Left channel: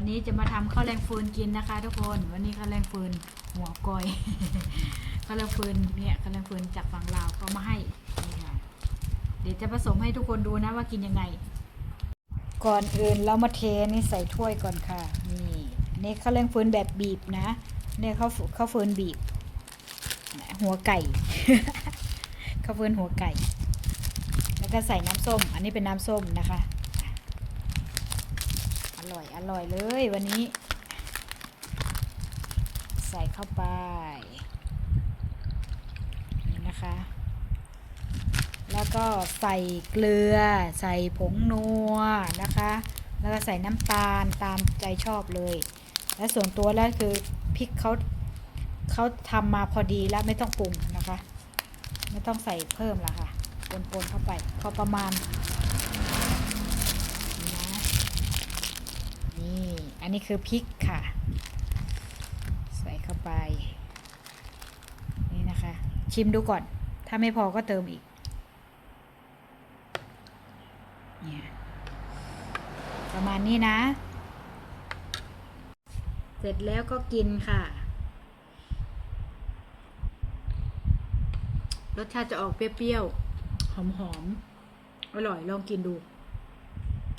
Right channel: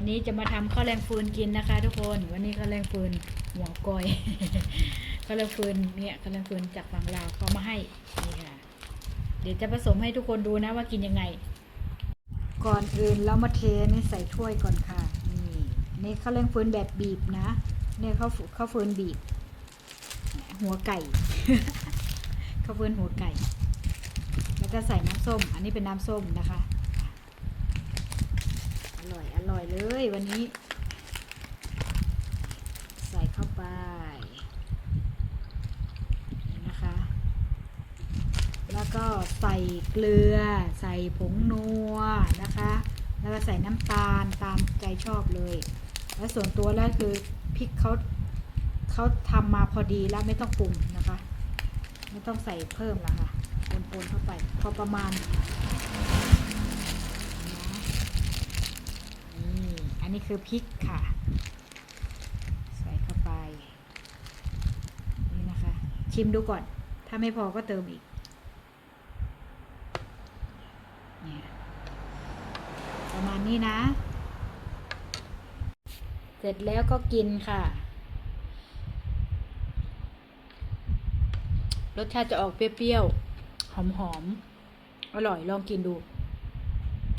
วันนี้จะมาทำข้าวแรงฟืนกินนะคะ ทุกคน วันนี้ข้าวแรงฟืนหัวกอยข้าวแรงฟืนเนี่ยข้าวแรงฟืนจากฝั่งลาวเขามาให้นี่ค่ะเดี๋ยวจะผสมให้ทุกคนดูนะว่ากินยังไง ก่อนอื่นเรามาเทนี่ใส่ถ้วยก่อนค่ะ นี่นี่ข้าวแรงฟืนแบบบีบนะ เนี่ยข้าวข้าวฟืนบีบ หัวไก่ข้าวฟืนหัวไก่ แล้วก็ใส่น้ำส้ม อันนี้เป็นน้ำส้มนะคะ อยอร่อยเลยวันนี้ ใส่เข้าไปนี่นะคะ แล้วก็ใส่เกลือ ใส่ผงนัวนะคะ แล้วก็ใส่น้ำตาลตามใจชอบเลย และส่วนตัวแล้วคือพริกเขาเขาทำมาพอดีแล้วไม่ต้องปรุงนะคะ ไม่ต้องใส่เพิ่มแล้วค่ะปนๆเข้าไปพอประมาณ นี่อันนี้คือพริกค่ะ ใส่เข้าไป นี่นะคะ ชิมดูก่อน ถ้าไม่พอก็เติมอีกเนี่ยประมาณนี้นะ เสร็จแล้วก็กินค่ะ รสชาติจะออกเปรี้ยวๆ หอมๆ อร่อยลองกินดู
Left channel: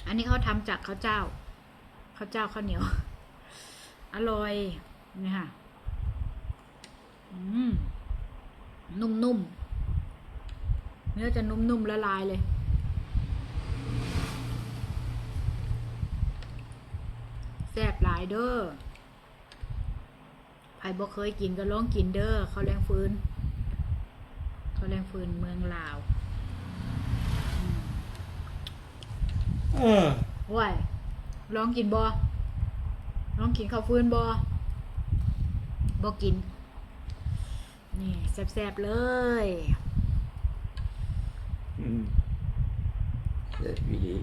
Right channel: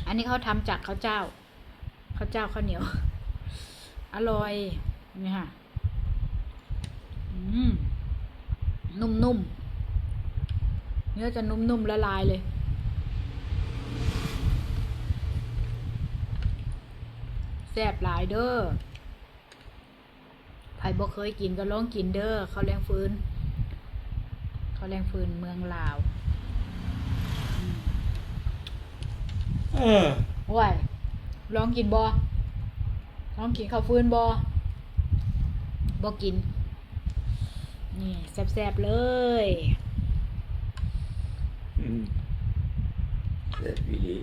อันนี้เขาทำจากข้าวเจ้า ข้าวเจ้าข้าวเหนียว อร่อยนี่ค่ะอืมนุ่มๆเนื้อจะนุ่มๆละลายเลยแซ่บหลายเด้อใครบ่เคยกินก็ลองกินเด้อข้าวแรงฟืนข้าวแรงฟืนเมืองลาวอืมเออโอ้ย ลองกินบ่ลองกินข้าวฟืนบอบอกิน นี่แซ่บๆเลยอืมเสร็จวิลี